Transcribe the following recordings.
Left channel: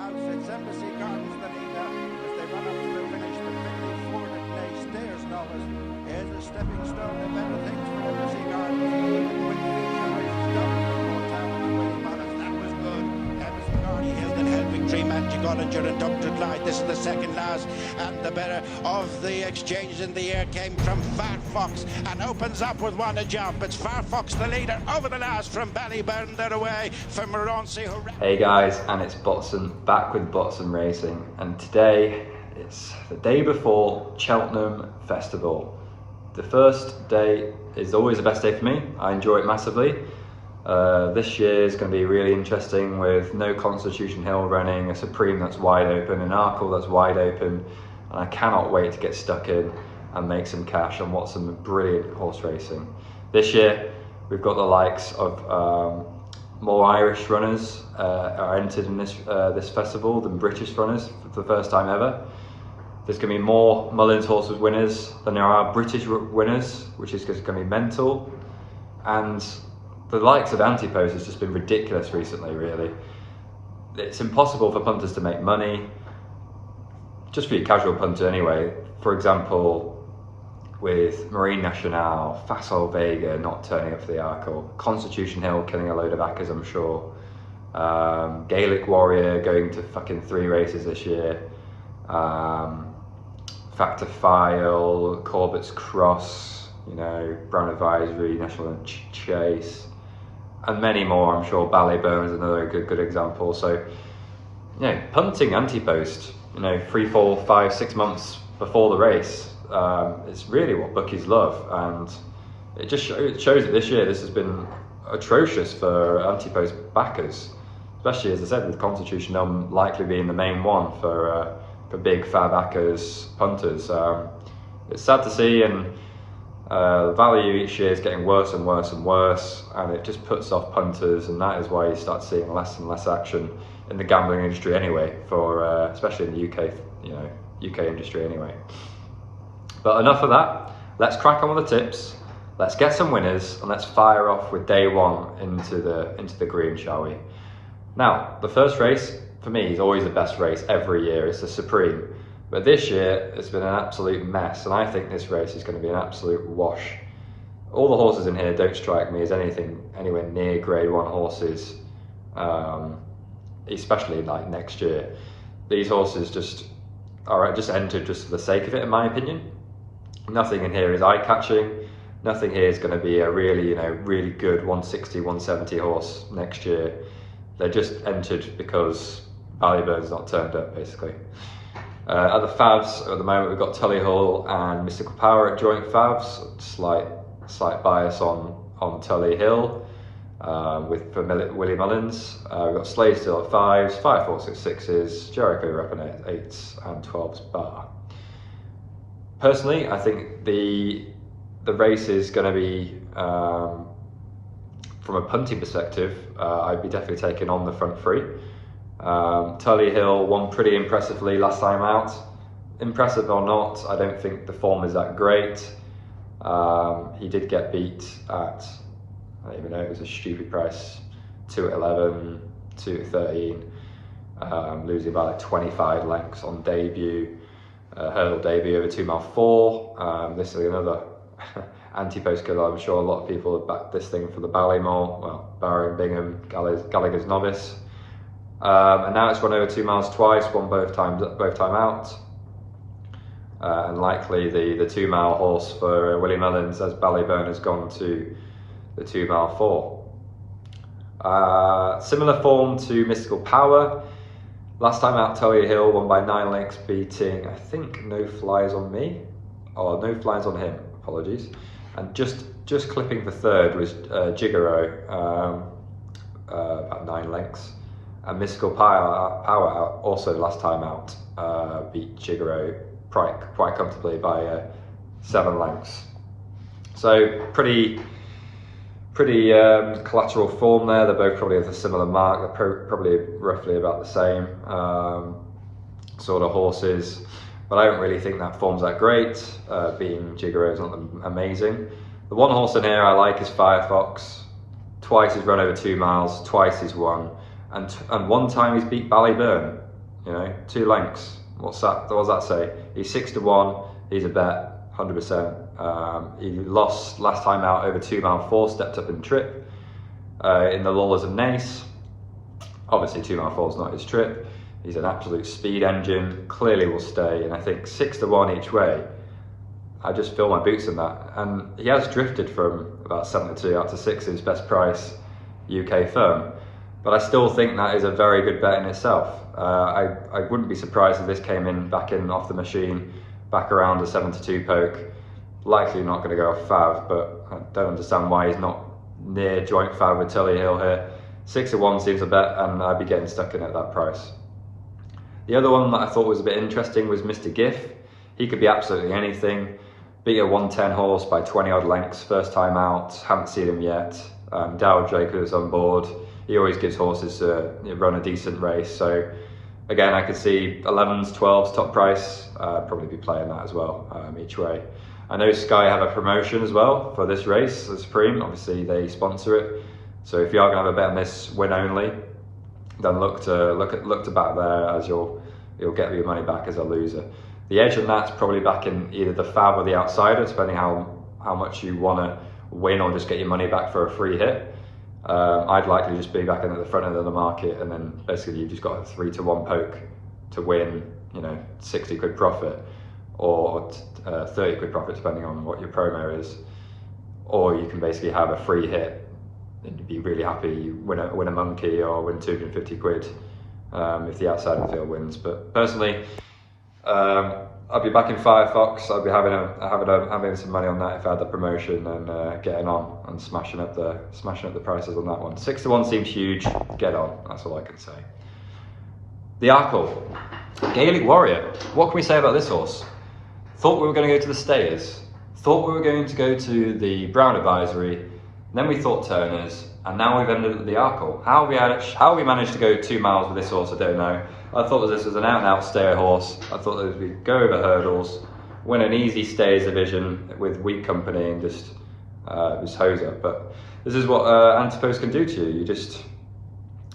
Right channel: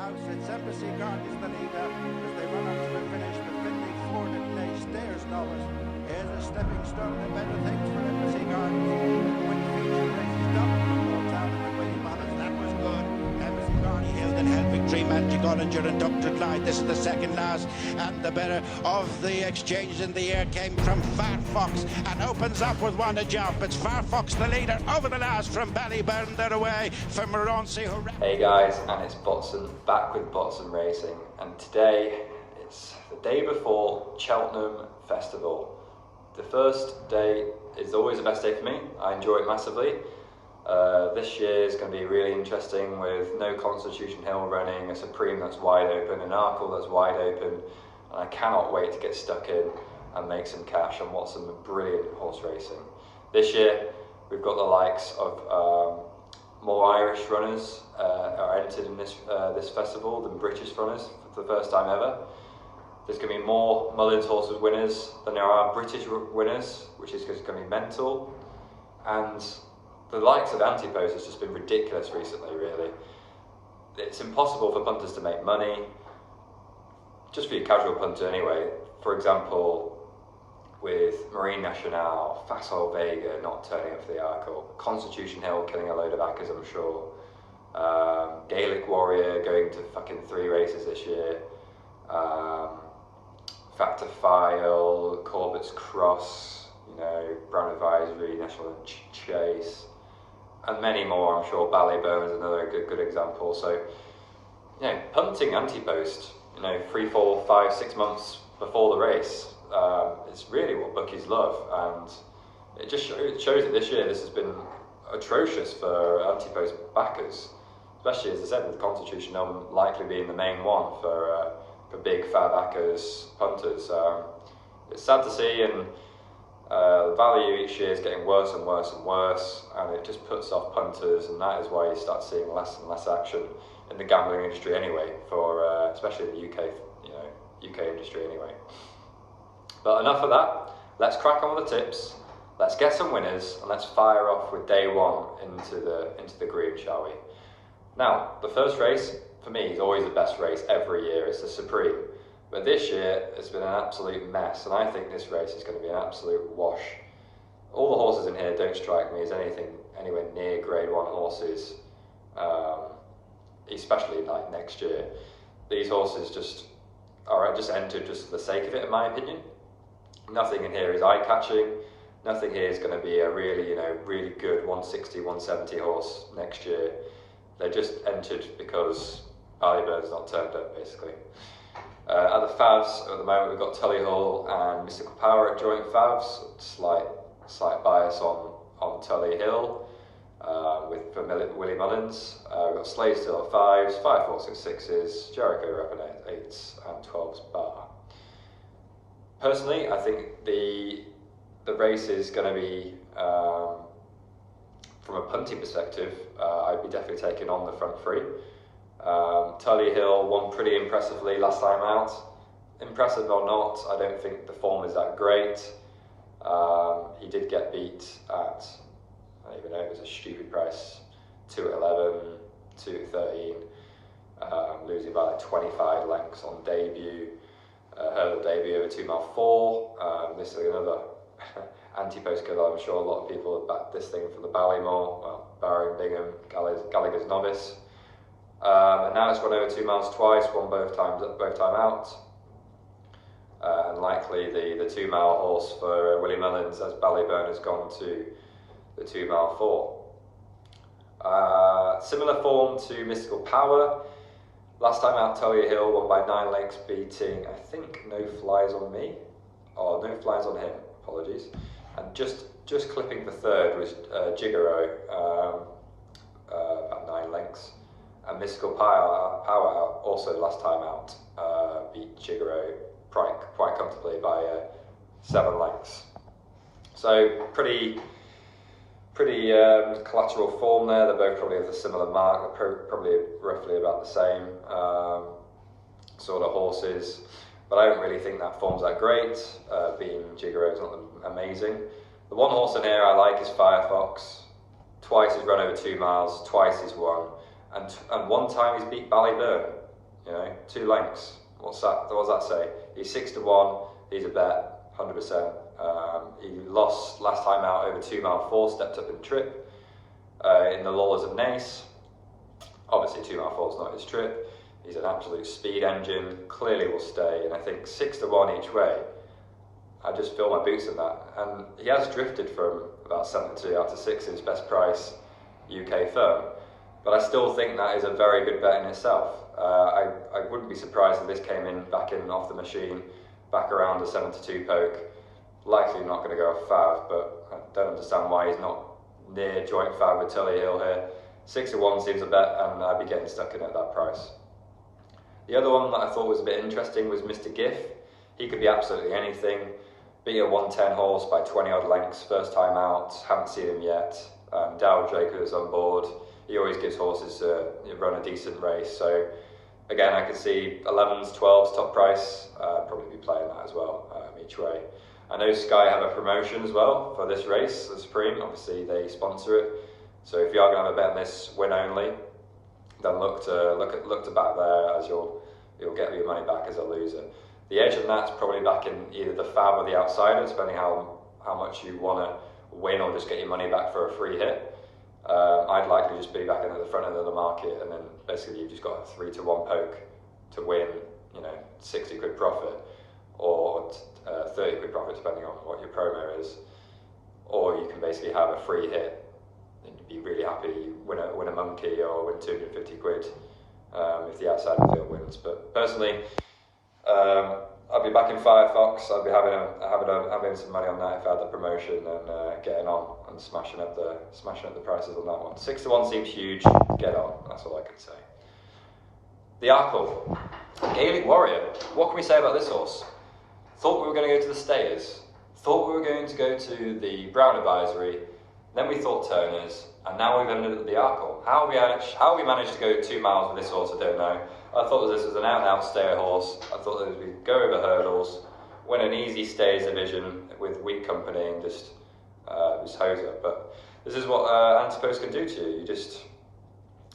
house. It's Embassy Gardens the leader as they run up to the finish, but Finley Ford at Nay stares novice. Here's a stepping stone to better things for Embassy Gardens. The quick feature races double from Lord Town and Willie Mullins. That was good. Embassy Gardens held and held victory. Magic Ollinger and Dr. Clyde. This is the second last, and the better of the exchange in the air came from Firefox and opens up with one to jump. It's Firefox the leader over the last from Ballyburn. They're away from Moroncy. Hey guys, and it's Botson back with Botson Racing, and today it's the day before Cheltenham Festival. The first day is always the best day for me. I enjoy it massively. This year is going to be really interesting with no Constitution Hill running, a Supreme that's wide open, an Arkle that's wide open, and I cannot wait to get stuck in and make some cash and watch some brilliant horse racing. This year we've got the likes of more Irish runners are entered in this festival than British runners for the first time ever. There's going to be more Mullins horses winners than there are British winners, which is going to be mental. And the likes of Antipost has just been ridiculous recently, really. It's impossible for punters to make money, just for your casual punter anyway. For example, with Marine Nationale, Facile Vega not turning up for the Arkle, Constitution Hill killing a load of Accas, I'm sure. Gaelic Warrior going to fucking 3 races this year. Factor File, Corbett's Cross, you know, Brown Advisory, National Chase, and many more. I'm sure Ballyburn is another good example. So, you know, punting Antipost, you know, 3, 4, 5, 6 months before the race, it's really what bookies love, and it just shows that this year this has been atrocious for Antipost backers, especially, as I said, with Constitution likely being the main one for big fab backers, punters. It's sad to see, and the value each year is getting worse and worse and worse, and it just puts off punters, and that is why you start seeing less and less action in the gambling industry anyway, for especially in the UK, you know, UK industry anyway. But enough of that. Let's crack on with the tips. Let's get some winners, and let's fire off with day one into the green, shall we? Now, the first race for me is always the best race every year. It's the Supreme. But this year, it's been an absolute mess, and I think this race is going to be an absolute wash. All the horses in here don't strike me as anything anywhere near Grade 1 horses, especially like next year. These horses just entered just for the sake of it, in my opinion. Nothing in here is eye-catching. Nothing here is going to be a really, you know, really good 160, 170 horse next year. They just entered because Ballyburn's not turned up, basically. At the Favs, at the moment, we've got Tullyhull and Mystical Power at joint Favs. Slight bias on Tully Hill for Willie Mullins. We've got Slaysdale at 5s, Firefox at 6s, Jericho Rappin at 8s and 12s bar. Personally, I think the race is going to be, from a punting perspective, I'd be definitely taking on the front 3. Tully Hill won pretty impressively last time out. Impressive or not, I don't think the form is that great. He did get beat at, I don't even know, it was a stupid price, 2 at 11, 2 at 13, losing by like 25 lengths on debut. Hurdle debut over 2 mile 4. This is another Antipost killer. I'm sure a lot of people have backed this thing for the Ballymore, well, barring Bingham, Gallagher's novice. And now it's run over 2 miles twice, won both time out. And likely the 2 mile horse for Willie Mullins, as Ballyburn has gone to the 2 mile 4. Similar form to Mystical Power. Last time out, Tully Hill won by 9 lengths, beating, I think, No Flies on Me, or No Flies on Him, apologies. And just clipping for 3rd was Gigaro, about 9 lengths. And Mystical Power also last time out beat Gigaro quite comfortably by 7 lengths. So pretty collateral form there. They're both probably of a similar mark. They're probably roughly about the same sort of horses, but I don't really think that form's that great. Beating Gigaro is not amazing. The one horse in here I like is Firefox. Twice he's run over 2 miles, twice he's won, and one time he's beat Ballyburn. You know, 2 lengths. What's that? What does that say? He's 6-1. He's a bet, 100%. He lost last time out over 2 mile 4, stepped up in trip. In the lullers of Nace. Obviously 2 mile 4 is not his trip. He's an absolute speed engine, clearly will stay, and I think 6-1 each way, I just fill my boots in that. And he has drifted from about 7-2 out to 6, his best price UK firm. But I still think that is a very good bet in itself. I wouldn't be surprised if this came in back in off the machine, back around a 7-2 poke. Likely not going to go fav, but I don't understand why he's not near joint fav with Tully Hill here. 6-1 seems a bet, and I'd be getting stuck in at that price. The other one that I thought was a bit interesting was Mistergif. He could be absolutely anything. Beat a 110 horse by 20 odd lengths, first time out, haven't seen him yet. Darryl Jacobs on board. He always gives horses to run a decent race. So again, I could see 11s, 12s top price. Probably be playing that as well each way. I know Sky have a promotion as well for this race, the Supreme. Obviously they sponsor it. So if you are going to have a bet on this win only, then look to back there, as you'll get your money back as a loser. The edge on that's probably back in either the fav or the outsider, depending how much you want to win or just get your money back for a free hit. I'd likely just be back in at the front end of the market, and then basically you've just got a 3-1 poke to win, 60 quid profit or 30 quid profit, depending on what your promo is. Or you can basically have a free hit and you'd be really happy you win a monkey or win 250 quid if the outside of the field wins. But personally, I'd be back in Firefox. I'd be having some money on that if I had the promotion, and getting on and smashing up the prices on that one. 6-1 seems huge. Get on. That's all I can say. The Arkle, Gaelic Warrior. What can we say about this horse? Thought we were going to go to the Stayers. Thought we were going to go to the Brown Advisory. Then we thought Turners, and now we've ended up at the Arkle. How we managed to go 2 miles with this horse, I don't know. I thought that this was an out-and-out stayer horse. I thought that we'd go over hurdles, win an easy stayers division with weak company, and just hose up. But this is what Antipos can do to you.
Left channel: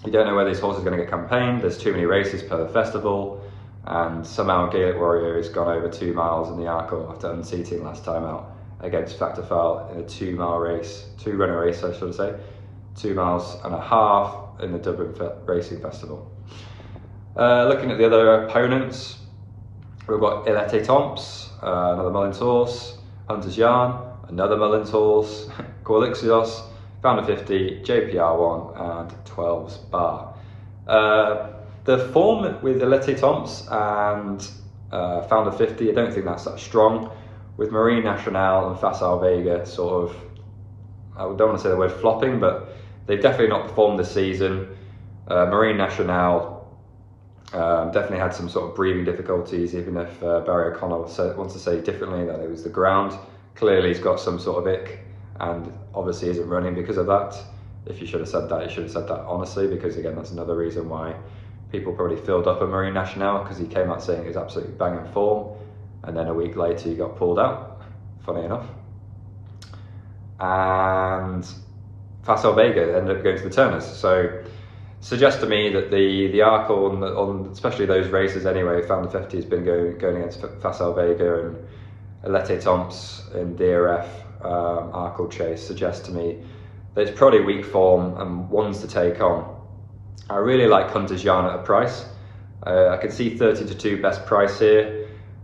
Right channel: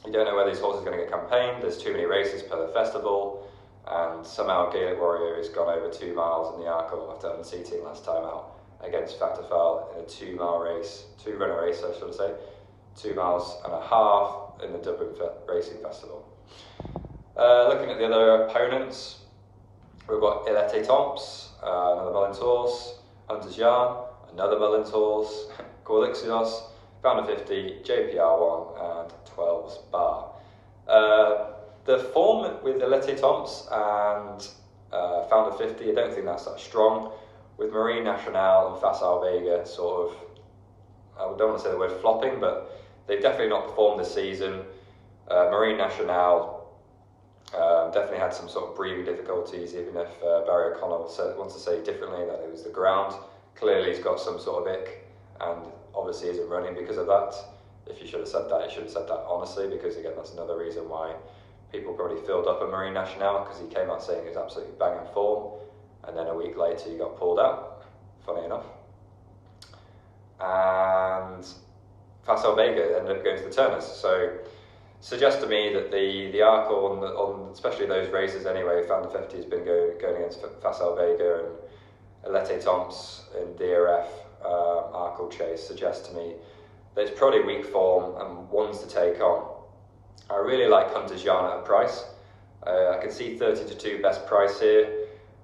You don't know where this horse is going to get campaigned. There's too many races per festival, and somehow Gaelic Warrior has gone over 2 miles in the Arkle after unseating last time out against Factor Foul in a 2-mile race, 2-runner race I should say, 2.5 miles in the Dublin Racing Festival. Looking at the other opponents, we've got Elete Tomps, another Mullins horse, Hunter's Yarn, another Mullins horse, Corlixios, Founder 50, JPR1 and 12's Bar. The form with Elete Tomps and Founder 50, I don't think that's that strong. With Marine Nationale and Facile Vega sort of, I don't want to say the word flopping, but they've definitely not performed this season. Marine Nationale definitely had some sort of breathing difficulties, even if Barry O'Connor wants to say differently, that it was the ground. Clearly he's got some sort of ick, and obviously isn't running because of that. If you should have said that, you should have said that honestly, because again, that's another reason why people probably filled up a Marine Nationale, because he came out saying he was absolutely banging form, and then a week later he got pulled out, funny enough. And Facile Vega ended up going to the Turners. So suggests to me that the Arkle on especially those races anyway, Founder 50 has been going against Facile Vega and Elete Tomps in DRF Arkle chase, suggests to me that it's probably weak form and ones to take on. I really like Hunter's Yarn at a price. I can see 30-2 best price here.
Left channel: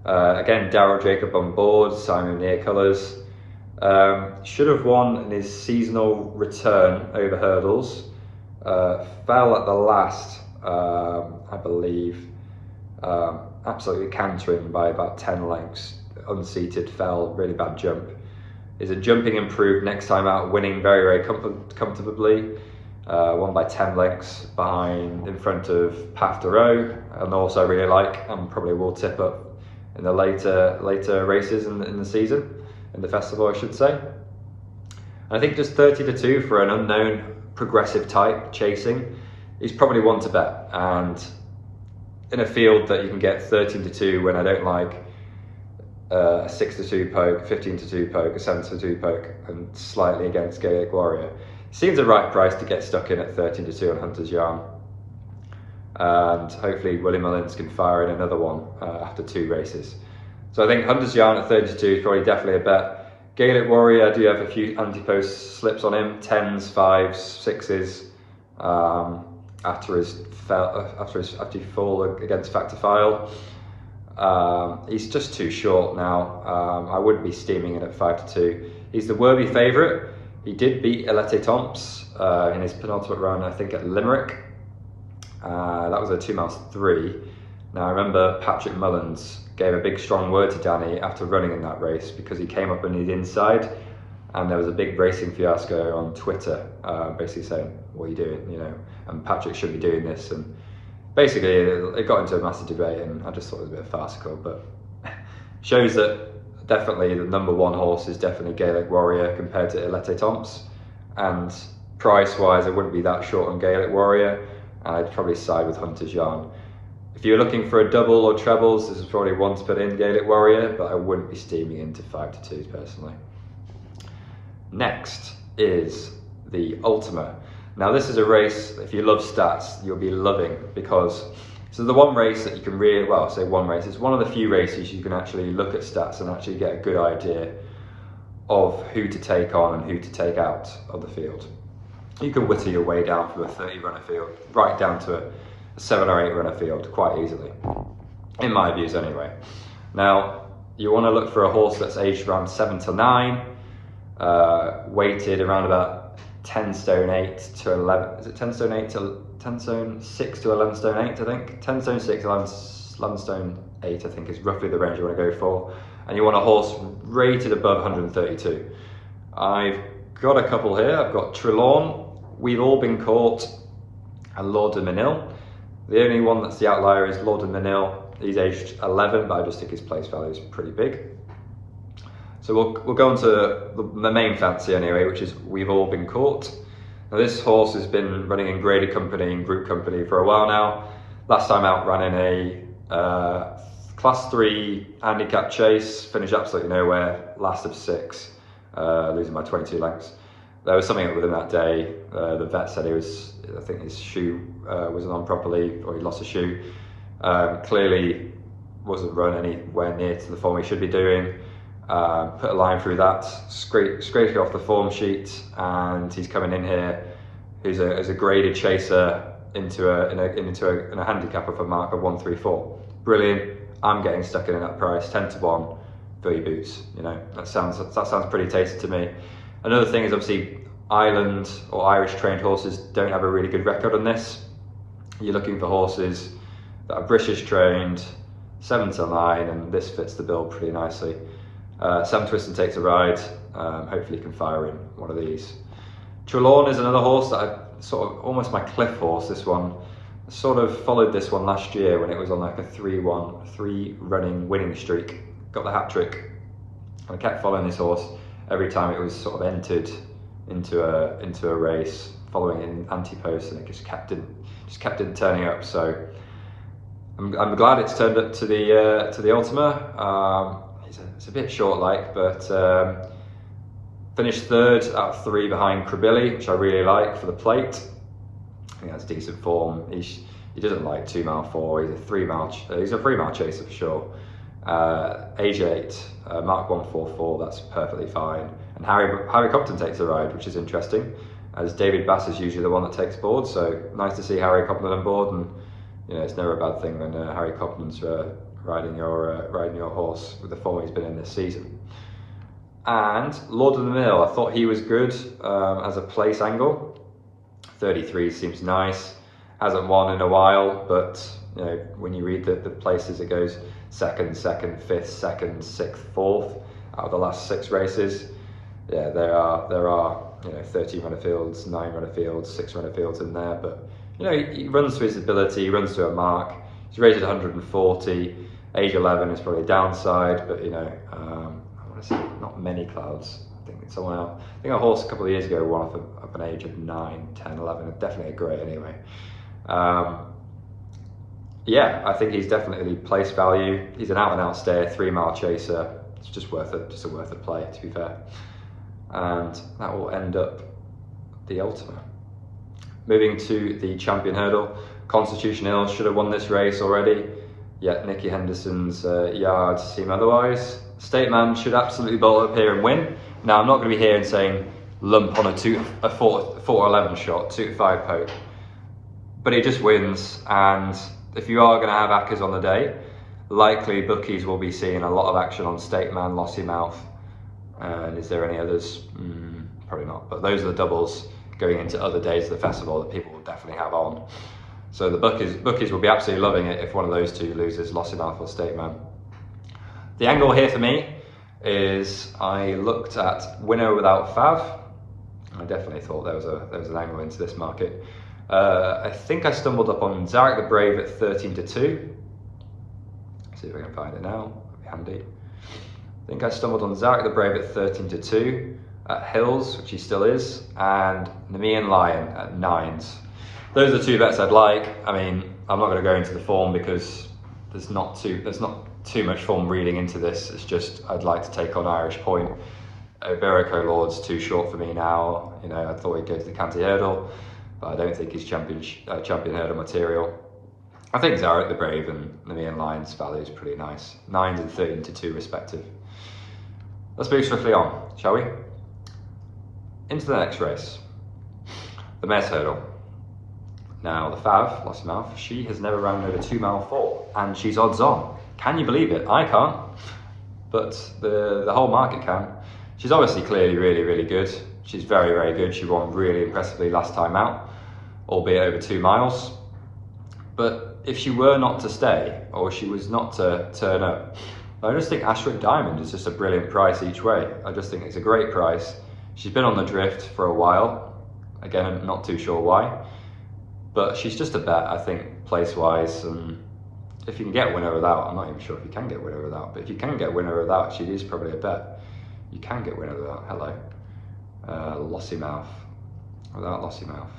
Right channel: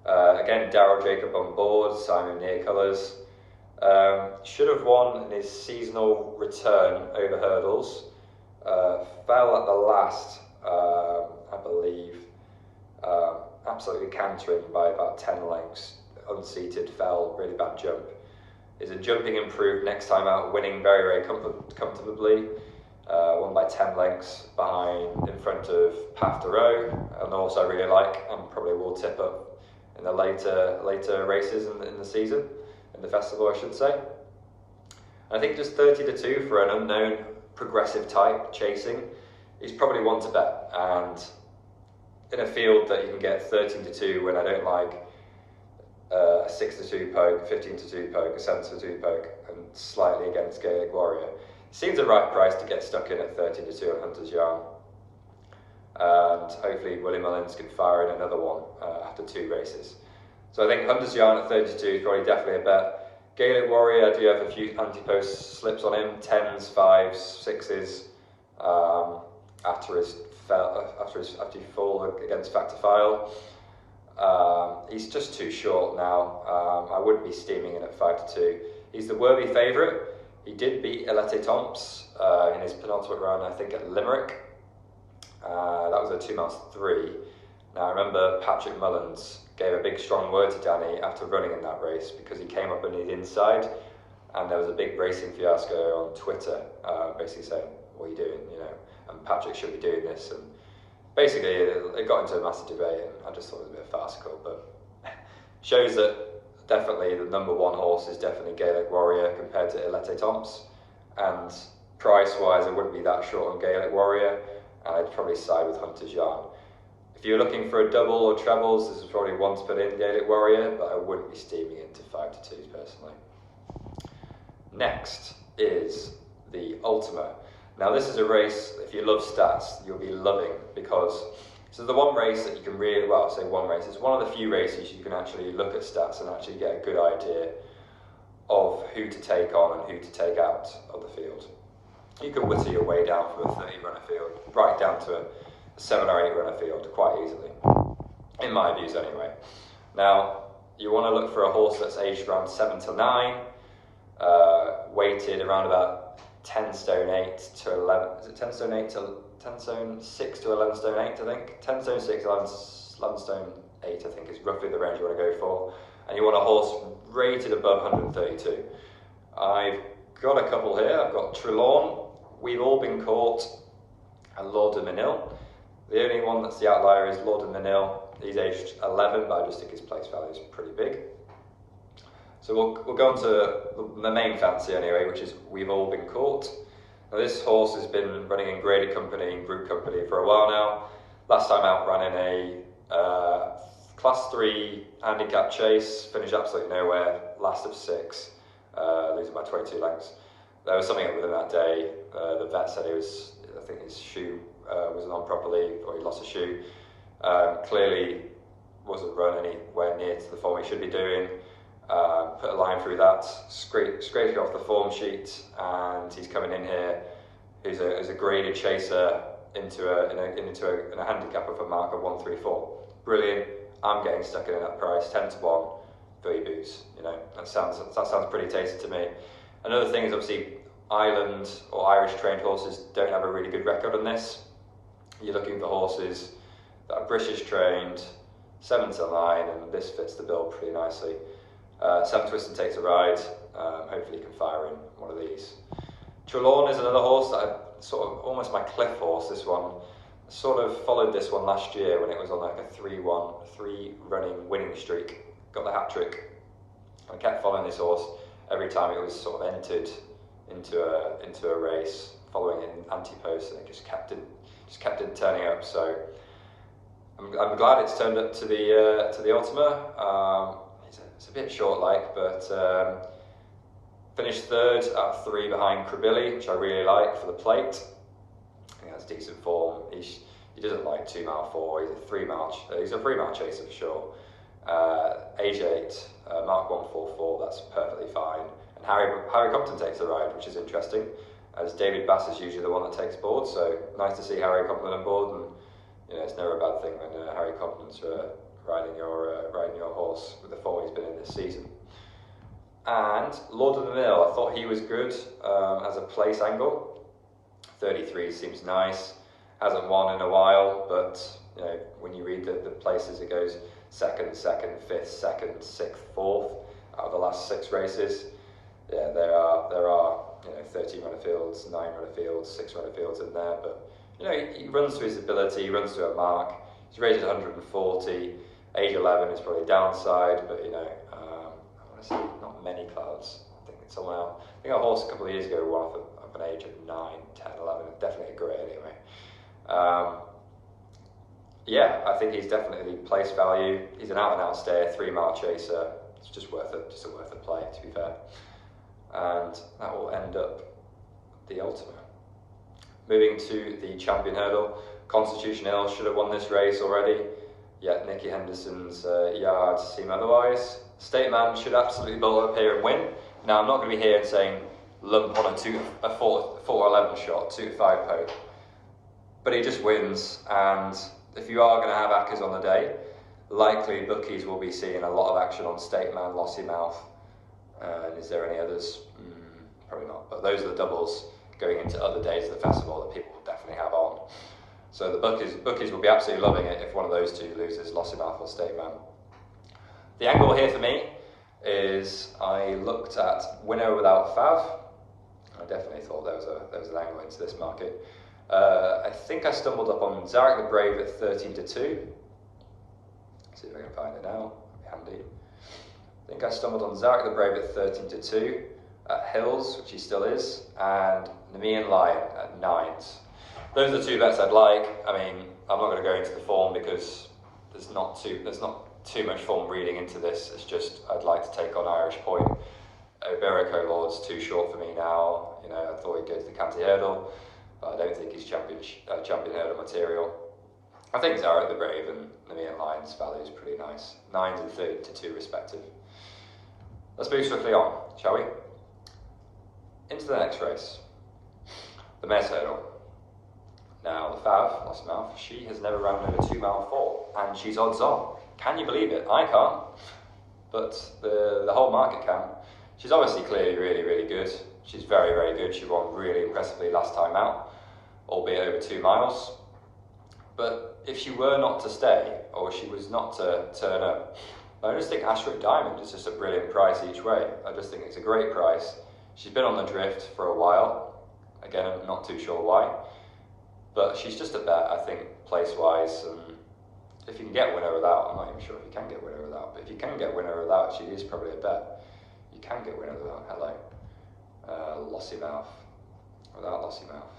Again, Darryl Jacob on board, Simon Near Colours. Should have won in his seasonal return over hurdles. Fell at the last, I believe, absolutely cantering by about 10 lengths. Unseated, fell, really bad jump. Is a jumping improved next time out, winning very, very comfortably. Won by 10 lengths in front of Path de Row, and also I really like, and probably will tip up in the later races in the season, in the festival I should say. And I think just 30-2 for an unknown progressive type chasing is probably one to bet, and in a field that you can get 13-2 when I don't like a 6-2 poke, 15-2 poke, a 7-2 poke, and slightly against Gaelic Warrior. Seems the right price to get stuck in at 13-2 on Hunter's Yarn. and hopefully Willie Mullins can fire in another one after 2 races. So I think Hunter's Yarn at 32 is probably definitely a bet. Gaelic Warrior, I do have a few anti-post slips on him, 10s, 5s, 6s, after he fall against Factifile. He's just too short now. I wouldn't be steaming in at 5-2. He's the worthy favourite. He did beat Elete Tomps in his penultimate run, I think, at Limerick. That was a 2 miles 3. Now I remember Patrick Mullins gave a big strong word to Danny after running in that race, because he came up on the inside and there was a big racing fiasco on Twitter, basically saying, what are you doing, you know, and Patrick should be doing this, and basically it got into a massive debate, and I just thought it was a bit farcical, but shows that definitely the number 1 horse is definitely Gaelic Warrior compared to Elete Tomps, and price wise I wouldn't be that short on Gaelic Warrior, and I'd probably side with Hunter's Yarn. If you're looking for a double or trebles, this is probably one to put in, Gaelic Warrior, but I wouldn't be steaming into 5-2s personally. Next is the Ultima. Now this is a race, if you love stats, you'll be loving, because this is the one race that you can really, well, I say one race, it's one of the few races you can actually look at stats and actually get a good idea of who to take on and who to take out of the field. You can whittle your way down from a 30 runner field right down to a 7 or 8 runner field quite easily, in my views anyway. Now you want to look for a horse that's aged around 7 to 9, weighted around about 10 stone 8 to 11, is it 10 stone 8 to 10 stone 6 to 11 stone 8 I think? 10 stone 6 to 11 stone 8 I think is roughly the range you want to go for, and you want a horse rated above 132. I've got a couple here. I've got Trelawne, Weveallbeencaught and Lord of Mesnil. The only one that's the outlier is Lord of Mesnil. He's aged 11, but I just think his place value is pretty big. So we'll go on to the main fancy anyway, which is Weveallbeencaught. Now this horse has been running in graded company and group company for a while now. Last time out ran in a class 3 handicap chase, finished absolutely nowhere, last of 6, losing by 22 lengths. There was something up with him that day. The vet said I think his shoe wasn't on properly, or he lost a shoe. Clearly wasn't run anywhere near to the form he should be doing. Put a line through that, scraped it off the form sheet, and he's coming in here as a graded chaser into a handicap of a mark of 134. Brilliant. I'm getting stuck in at that price, 10 to 1, fill your boots. You know, that sounds pretty tasty to me. Another thing is obviously Ireland or Irish trained horses don't have a really good record on this. You're looking for horses that are British trained, 7 to 9, and this fits the bill pretty nicely. Sam Twiston takes a ride, hopefully he can fire in one of these. Trelawne is another horse that I've sort of, almost my cliff horse, this one. I sort of followed this one last year when it was on like a 3 running winning streak, got the hat trick. I kept following this horse every time it was sort of entered into a race, following it in anti-post, and it just kept in turning up. So I'm glad it's turned up to the Ultima. It's a bit short, but finished 3rd out of 3 behind Krabilly, which I really like for the plate. I think that's decent form. He doesn't like 2 mile 4. He's a 3 mile chaser for sure. Age 8, mark 144. That's perfectly fine. And Harry Copton takes a ride, which is interesting, as David Bass is usually the one that takes board. So nice to see Harry Copton on board, and you know it's never a bad thing when Harry Copton's riding your horse with the form he's been in this season. And Lord of the Mill, I thought he was good as a place angle. 33 seems nice. Hasn't won in a while, but you know when you read the places, it goes 2nd, 5th, 2nd, 6th, 4th out of the last 6 races. Yeah, there are 13 runner fields, 9 runner fields, 6 runner fields in there, but you know he runs to his ability, he runs to a mark. He's rated 140. Age 11 is probably a downside, but you know, I want to say not many clouds. I think it's someone else. I think a horse a couple of years ago won off an age of 9, 10, 11. Definitely a grey anyway. Yeah, I think he's definitely place value. He's an out and out stayer, 3 mile chaser. It's just worth it, just a worth a play to be fair. And that will end up the Ultima. Moving to the Champion Hurdle. Constitution Hill should have won this race already, yet Nicky Henderson's yards seem otherwise. State Man should absolutely bolt up here and win. Now, I'm not going to be here and saying lump on a 4-11 shot, 2-5 poke, but he just wins. And if you are going to have Accas on the day, likely bookies will be seeing a lot of action on State Man, Lossymouth, and is there any others? Probably not, but those are the doubles going into other days of the festival that people will definitely have on. So the bookies will be absolutely loving it if one of those two loses, Lossymouth or State Man. The angle here for me is I looked at winner without Fav. I definitely thought there was an angle into this market. I think I stumbled up on Zarak the Brave at 13-2. See if I can find it now. That'd be handy. I think I stumbled on Zarak the Brave at 13-2 at Hills, which he still is, and Nemean Lion at 9s. Those are the two bets I'd like. I mean, I'm not going to go into the form because there's not too much form reading into this. It's just I'd like to take on Irish Point. Iberico Lord's too short for me now. You know, I thought he'd go to the Canty Hurdle, but I don't think he's champion hurdle material. I think Zarak the Brave and Nemean Lion's value is pretty nice. 9s and 13-2 respective. Let's move swiftly on, shall we? Into the next race, the Mares Hurdle. Now, the Fav, Lossymouth, she has never ran over 2 mile 4, and she's odds on. Can you believe it? I can't, but the whole market can. She's obviously clearly really, really good. She's very, very good. She won really impressively last time out, albeit over 2 miles. But if she were not to stay, or she was not to turn up, I just think Ashroe Diamond is just a brilliant price each way. I just think it's a great price. She's been on the drift for a while. Again, I'm not too sure why. But she's just a bet, I think, place-wise. And if you can get winner without, I'm not even sure if you can get winner without, but if you can get winner without, she is probably a bet. You can get winner without. Hello. Lossymouth. Without Lossymouth.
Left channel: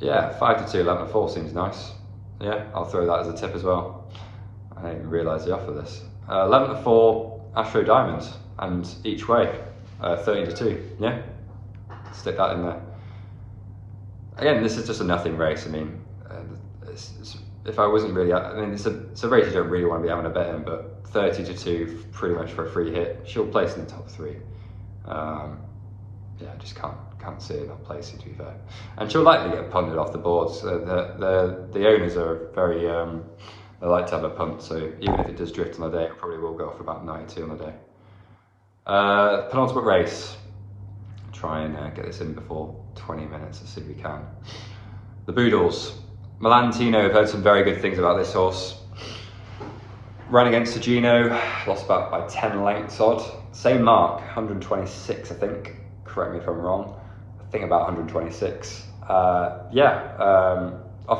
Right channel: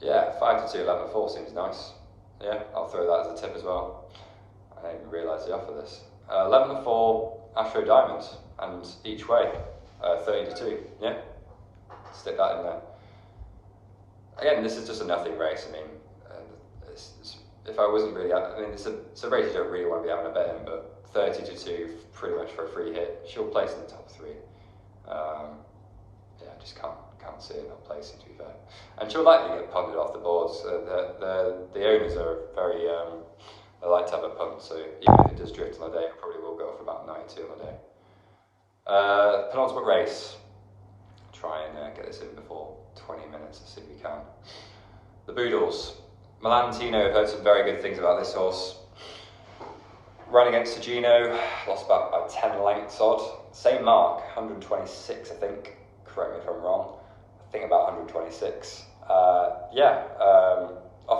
Yeah, 5-2, 11-4 seems nice. Yeah, I'll throw that as a tip as well. I didn't even realise the offer this. 11-4, Ashroe Diamond, and each way, 13-2. Yeah, stick that in there. Again, this is just a nothing race. I mean, if I wasn't really, I mean, it's a race you don't really want to be having a bet in, but 30-2, pretty much for a free hit. She'll place in the top 3. Yeah, I just can't see her not placing, to be fair. And she'll likely get punted off the boards. The owners are very, they like to have a punt, so even if it does drift on the day, it probably will go for about 92 on the day. Penultimate race. Try and get this in before 20 minutes, let's see if we can. The Boodles. Milan Tino, I've heard some very good things about this horse. Ran against Gino, lost about by 10 lengths odd. Same mark, 126 I think, correct me if I'm wrong. I think about 126. Off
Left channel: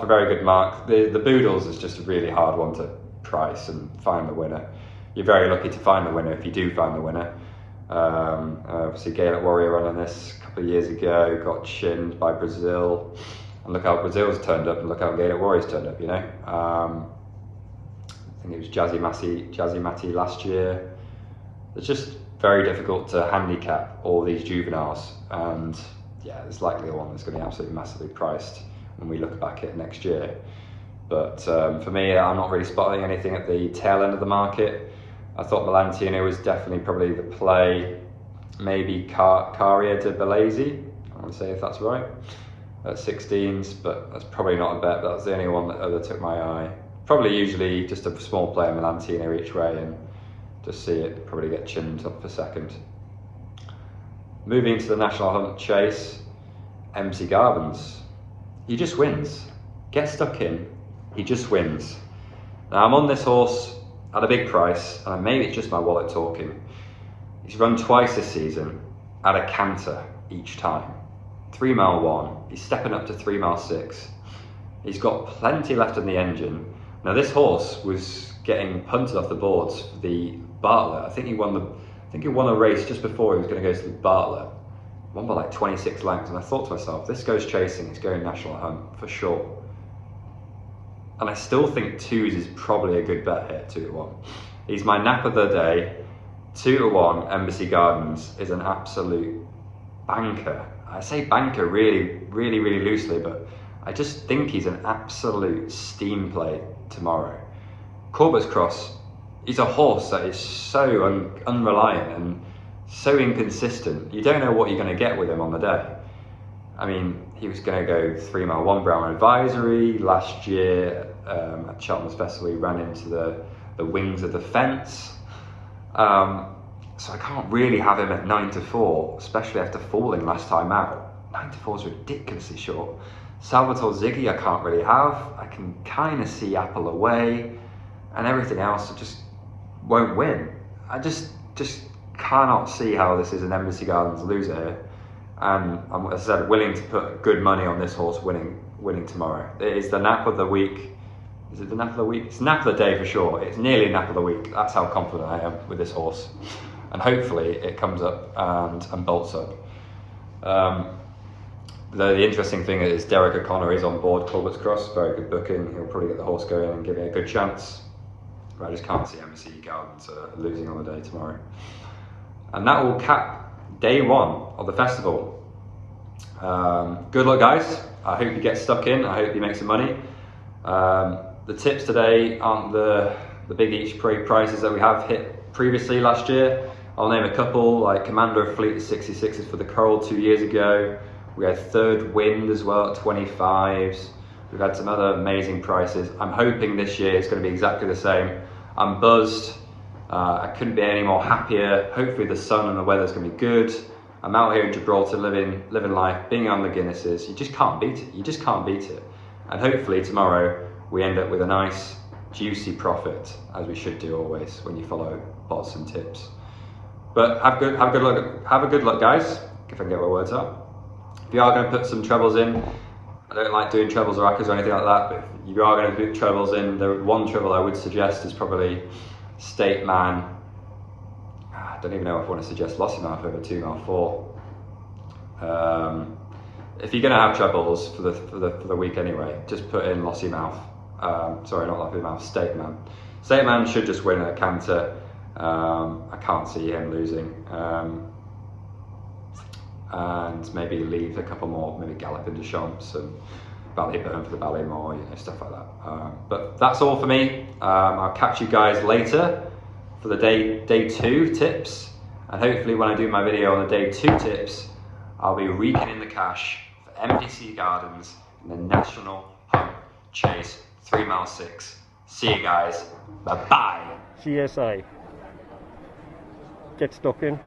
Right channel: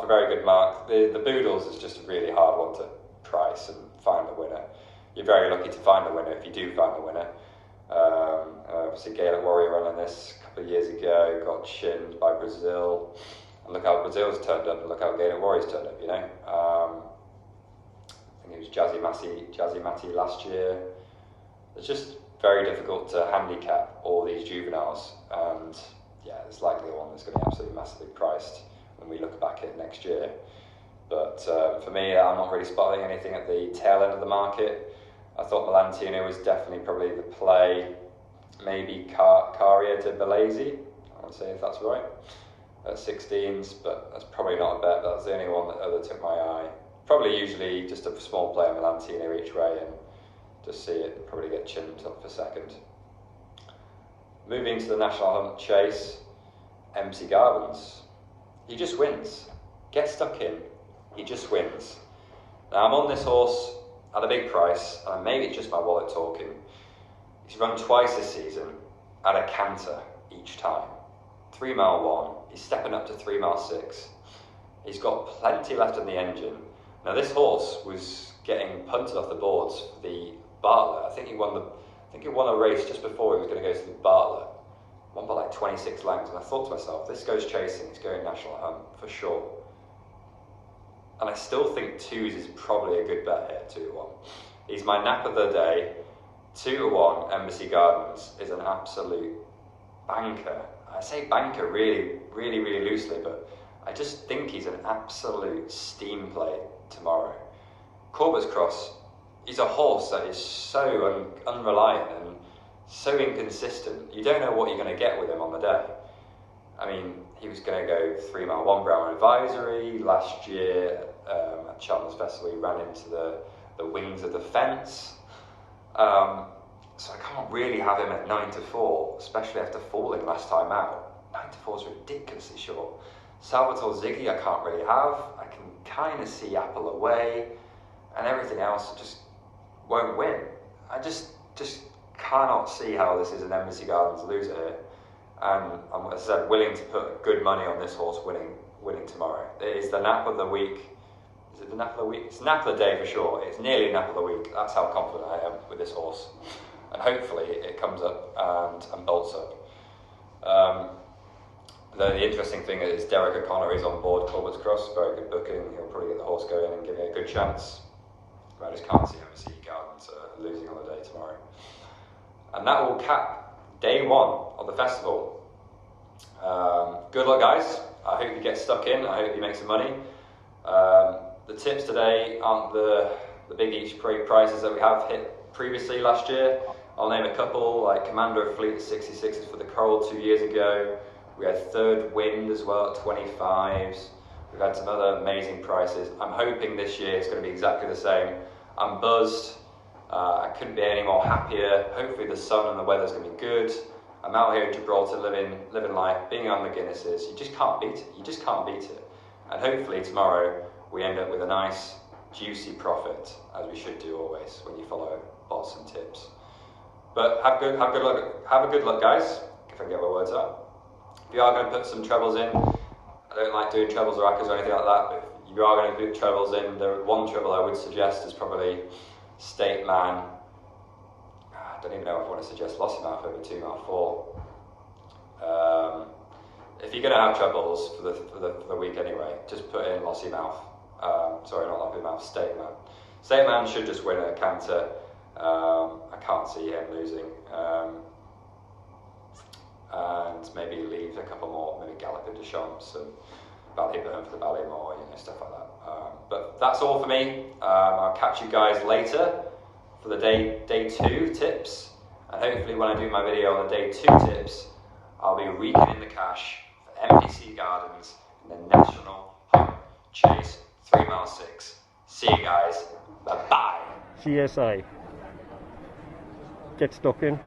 a very good mark. The Boodles is just a really hard one to price and find the winner. You're very lucky to find the winner if you do find the winner. Obviously Gaelic Warrior running this a couple of years ago, got chinned by Brazil. And look how Brazil's turned up and look how Gaelic Warrior's turned up, you know. I think it was Jazzy Matty last year. It's just very difficult to handicap all these juveniles, and yeah, there's likely one that's going to be absolutely massively priced when we look back at next year. But for me, I'm not really spotting anything at the tail end of the market. I thought Milan Tino was definitely probably the play. Maybe Caria de Bellesi, I want to say if that's right, at 16s, but that's probably not a bet. But that's the only one that took my eye. Probably usually just a small player Milan Tino each way and just see it probably get chinned up for second. Moving to the National Hunt Chase, MC Garvin's. He just wins. Get stuck in, he just wins. Now I'm on this horse at a big price, and maybe it's just my wallet talking. He's run twice this season at a canter each time. 3 mile 1, he's stepping up to 3 mile 6. He's got plenty left in the engine. Now this horse was getting punted off the boards for the Bartlett. I think he won a race just before he was going to go to the Bartlett. Won by like 26 lengths, and I thought to myself, this goes chasing, he's going National Hunt for sure. And I still think 2s is probably a good bet here, 2-1. He's my nap of the day. 2-1 Embassy Gardens is an absolute banker. I say banker really loosely, but I just think he's an absolute steam play tomorrow. Corbett's Cross, he's a horse that is so unreliant and so inconsistent. You don't know what you're going to get with him on the day. I mean, he was going to go 3 mile 1 Brown Advisory. Last year at Cheltenham's Festival, he ran into the wings of the fence. So I can't really have him at 9 to 4, especially after falling last time out. 9 to 4 is ridiculously short. Salvatore Ziggy I can't really have. I can kind of see Apple Away, and everything else just won't win. I just cannot see how this is an Embassy Gardens loser here. And I'm, as I said, willing to put good money on this horse winning tomorrow. It is the nap of the week. Is it the nap of the week? It's the nap of the day for sure. It's nearly a nap of the week. That's how confident I am with this horse. And hopefully it comes up and bolts up. Though the interesting thing is Derek O'Connor is on board Corbett's Cross. Very good booking. He'll probably get the horse going and give it a good chance. But I just can't see Embassy Gardens losing on the day tomorrow. And that will cap day 1 of the festival. Good luck, guys. I hope you get stuck in. I hope you make some money. The tips today aren't the big each prizes that we have hit previously last year. I'll name a couple, like Commander of Fleet 66s for the Coral 2 years ago. We had Third Wind as well at 25s. We've had some other amazing prices. I'm hoping this year it's going to be exactly the same. I'm buzzed. I couldn't be any more happier. Hopefully the sun and the weather's going to be good. I'm out here in Gibraltar living life, being on the Guinnesses. You just can't beat it. You just can't beat it. And hopefully tomorrow we end up with a nice juicy profit, as we should do always when you follow bots and tips. But have good luck, guys. If I can get my words out. If you are going to put some trebles in, I don't like doing trebles or accas or anything like that, but if you are going to put trebles in, the one treble I would suggest is probably State Man. I don't even know if I want to suggest Lossy Mouth over 2 mile 4. If you're going to have trebles for the week anyway, just put in Lossy Mouth. Sorry, not Lossy Mouth, State Man. State Man should just win at a canter. I can't see him losing. And maybe leave a couple more, maybe Gallop into Champs and Ballyburn for the Ballymore, stuff like that. But that's all for me. I'll catch you guys later for the day 2 tips, and hopefully when I do my video on the day 2 tips, I'll be raking in the cash for MDC Gardens in the National Home Chase 3 mile 6. See you guys. Bye bye. CSA. Get stuck in.